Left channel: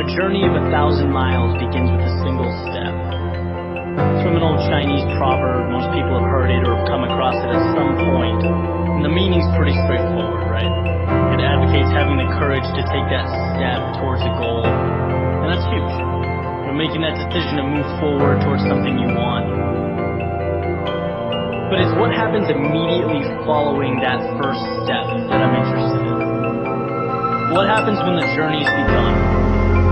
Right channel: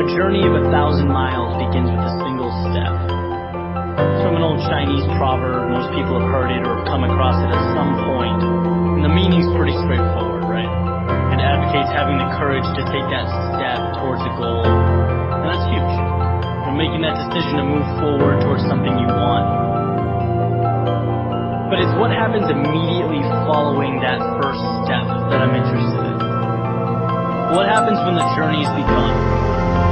A journey of 1,000 miles begins with a single step. It's from an old Chinese proverb. Most people have heard it or have come across it at some point. And the meaning's pretty straightforward, right? It advocates having the courage to take that step towards a goal. And that's huge. You're making that decision to move forward towards something you want. But it's what happens immediately following that first step that I'm interested in. What happens when the journey's begun,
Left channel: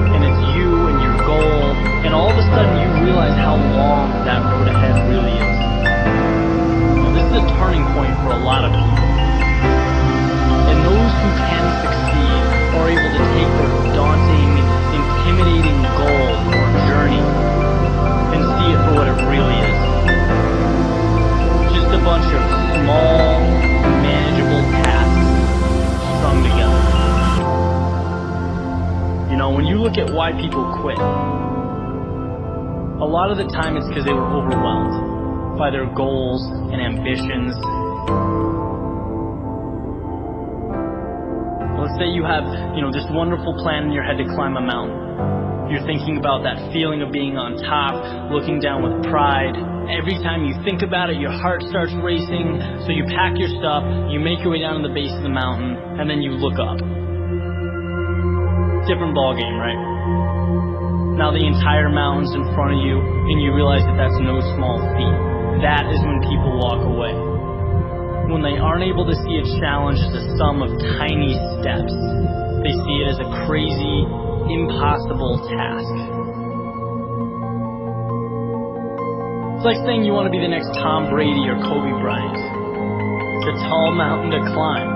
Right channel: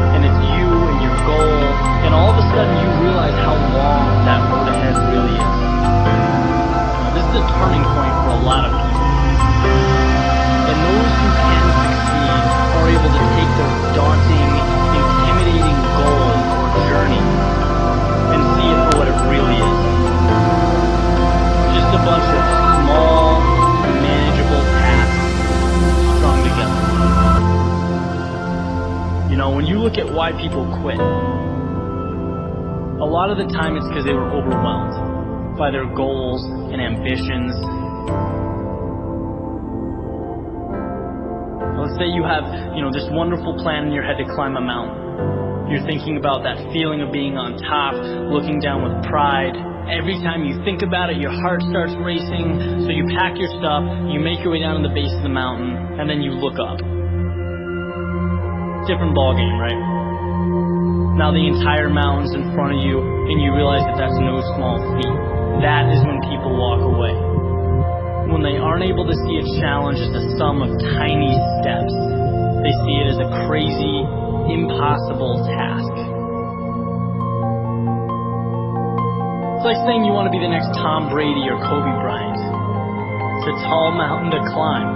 and it's you and your goal, and all of a sudden you realize how long that road ahead really is. Now, this is a turning point for a lot of people. And those who can succeed are able to take their daunting, intimidating goal or journey and see it for what it really is. Just a bunch of small, manageable tasks strung together. You know, when you look at why people quit, a lot of the time it's because they were overwhelmed by their goals and ambitions. Let's say you have, this wonderful plan in your head to climb a mountain. You're thinking about that feeling of being on top, looking down with pride. Every time you think about it, your heart starts racing. So you pack your stuff, you make your way down to the base of the mountain, and then you look up. Different ball game, right? Now the entire mountain's in front of you, and you realize that that's no small feat. That is when people walk away. When they aren't able to see a challenge as a sum of tiny steps, they see it as a crazy, impossible task. It's like saying you want to be the next Tom Brady or Kobe Bryant. It's a tall mountain to climb.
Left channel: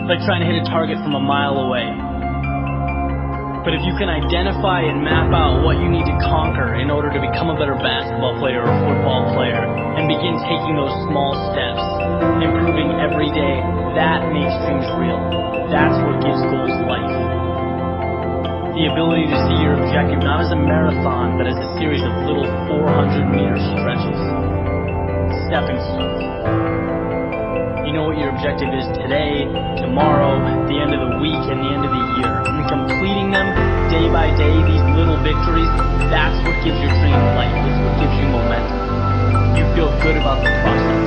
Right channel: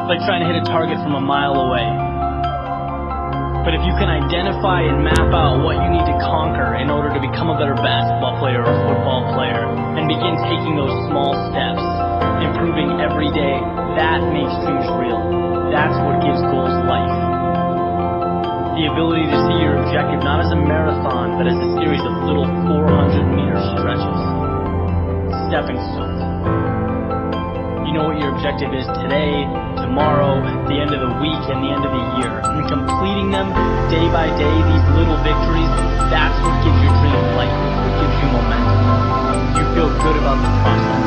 It's like trying to hit a target from a mile away. But if you can identify and map out what you need to conquer in order to become a better basketball player or football player and begin taking those small steps, improving every day, that makes dreams real. That's what gives goals life. The ability to see your objective not as a marathon, but as a series of little 400-meter stretches. Stepping stones. You know what your objective is today, tomorrow, the end of the week, and the end of the year. And completing them day by day, these little victories, that's what gives your dream life. It's what gives you momentum. You feel good about the process.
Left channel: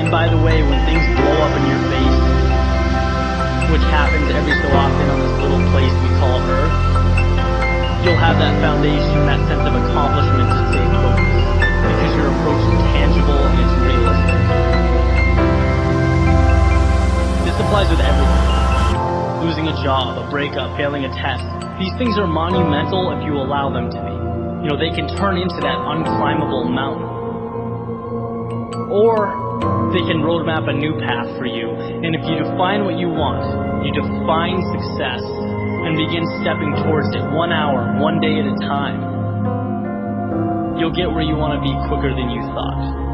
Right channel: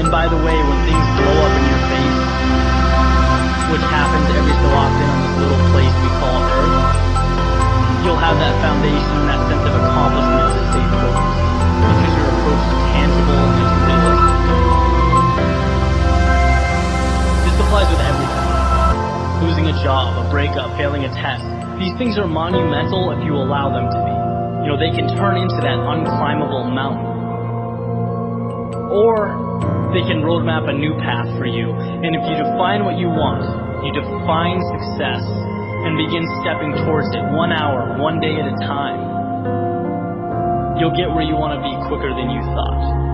And by the way, when things blow up in your face, which happens every so often on this little place we call Earth, you'll have that foundation, that sense of accomplishment to stay focused. Because your approach is tangible and it's realistic. This applies with everything. Losing a job, a breakup, failing a test. These things are monumental if you allow them to be. They can turn into that unclimbable mountain. Or they can roadmap a new path for you. And if you define what you want, you define success and begin stepping towards it 1 hour, 1 day at a time, you'll get where you want to be quicker than you thought.